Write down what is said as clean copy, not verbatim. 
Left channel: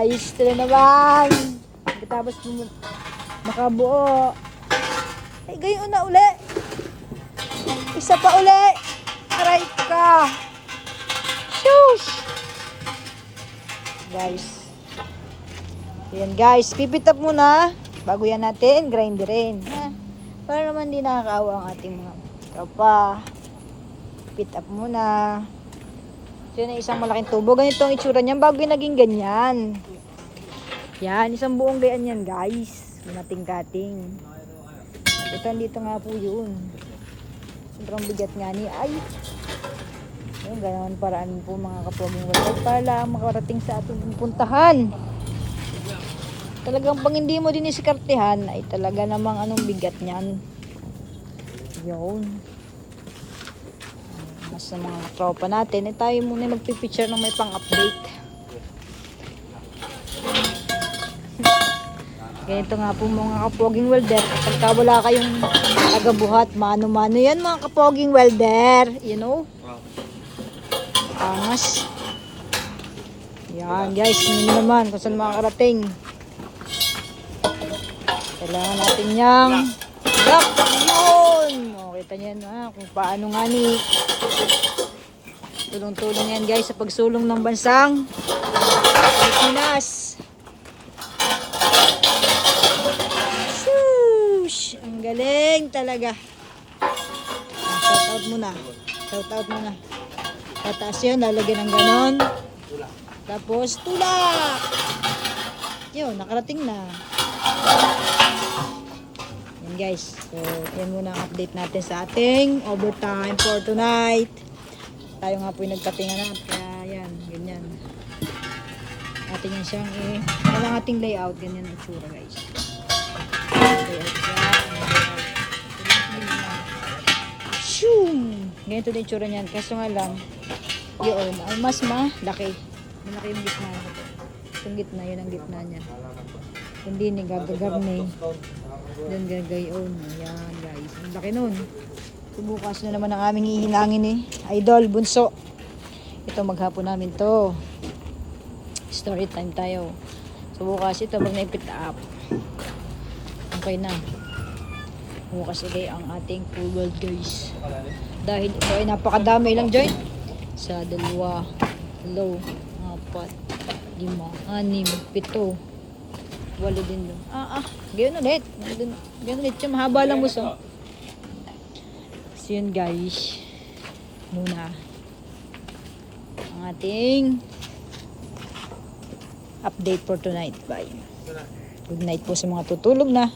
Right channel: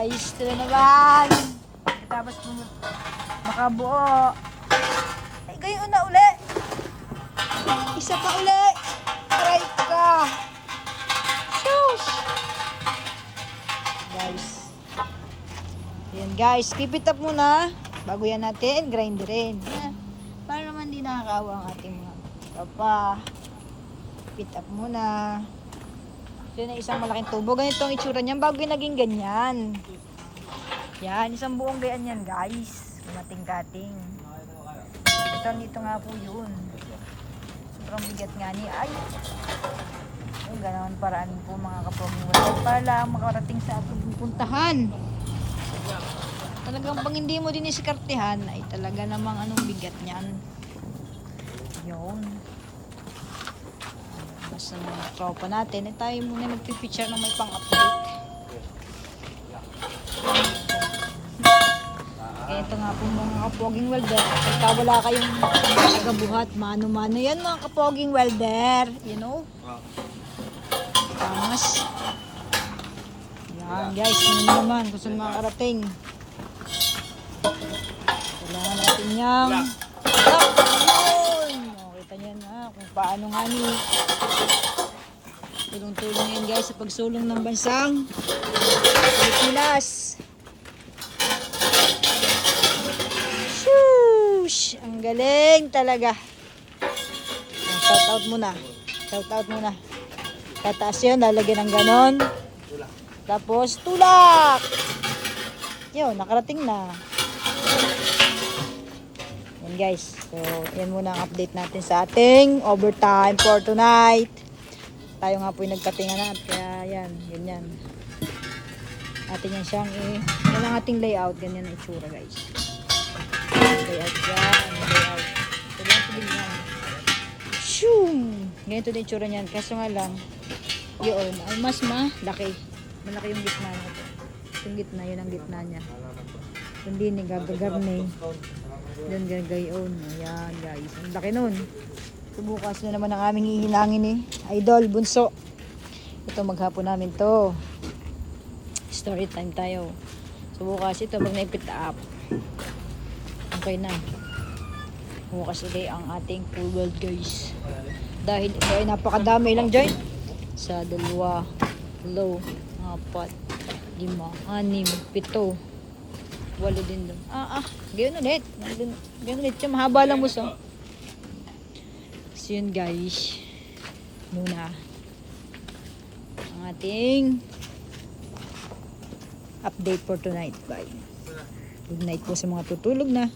guys, ito na naman. Tapos makabuo. Eh, gayon na uli. Isa pa uli. Try ka. Shush! Guys. Ayan guys, pipit up muna. Bago yan natin, grinderin. Para naman di nakakaawa ang ating mga tropa. Pipit up muna. So yun, isang malaking tubo. Ganito ang itsura niyan bago yung naging ganyan. Yan, isang buong gayan yan guys. Mating-kating. Ito dito nga po yun. Sobrang bigat nga niya. Ay! Oh, ganoon paraan po mga kapamilya. Para lang makarating sa ating puntahan. Talagang pag hindi mo din isikartehan ay talaga namang anong bigat niyan. Yun. Basta mga tropa natin, eh tayo muna magpipicture ng may pang-update. Ganito nga po mga kapoging welder. Pagka wala kayong tagabuhat, mano-mano yan mga kapoging welder. You know? Tamas. Yan guys, hindi naman kung saan makakarating. Kailangan natin niyang yun! O, kita niyo na kung paano nga ni tulong-tulong yan guys sa pagsulong ng bansang Pilipinas. Shush! Ang galing talaga. Shout out muna. Shout out muna. Tataas yun, lalagyan ng ganon. Tapos tulak! Yun, nakarating na. Yan guys. So, yan muna ang update natin sa ating overtime for tonight. Tayo nga po yung nagkatinga na. Kaya yan, ganyan. Atin yan siyang yan ang ating layout. Ganyan ang itsura guys. Layout yan. Layout. Shoom! Ganito din itsura niyan. Kaso nga lang, yun, mas malaki. Malaki yung gitna nito. Yung gitna, yun ang gitna niya. Hindi ni gab-gab-ni. Doon gagayon. Ayan guys. Ang laki nun. Bukas na naman ang aming ihilangin eh. Idol, bunso. Ito maghapon namin to. Story time tayo. So bukas ito pag naipit up. Okay na. Bukas ulit ang ating full world guys. Dahil ito ay napakadami lang joint. Sa 2, 3, 4, 5, 6, 7, 8 din doon. Gayon ulit. Gayon ulit. Yung mahaba lang buso. So yun guys. Muna. Ang ating update for tonight. Bye. Good night po sa mga tutulog na.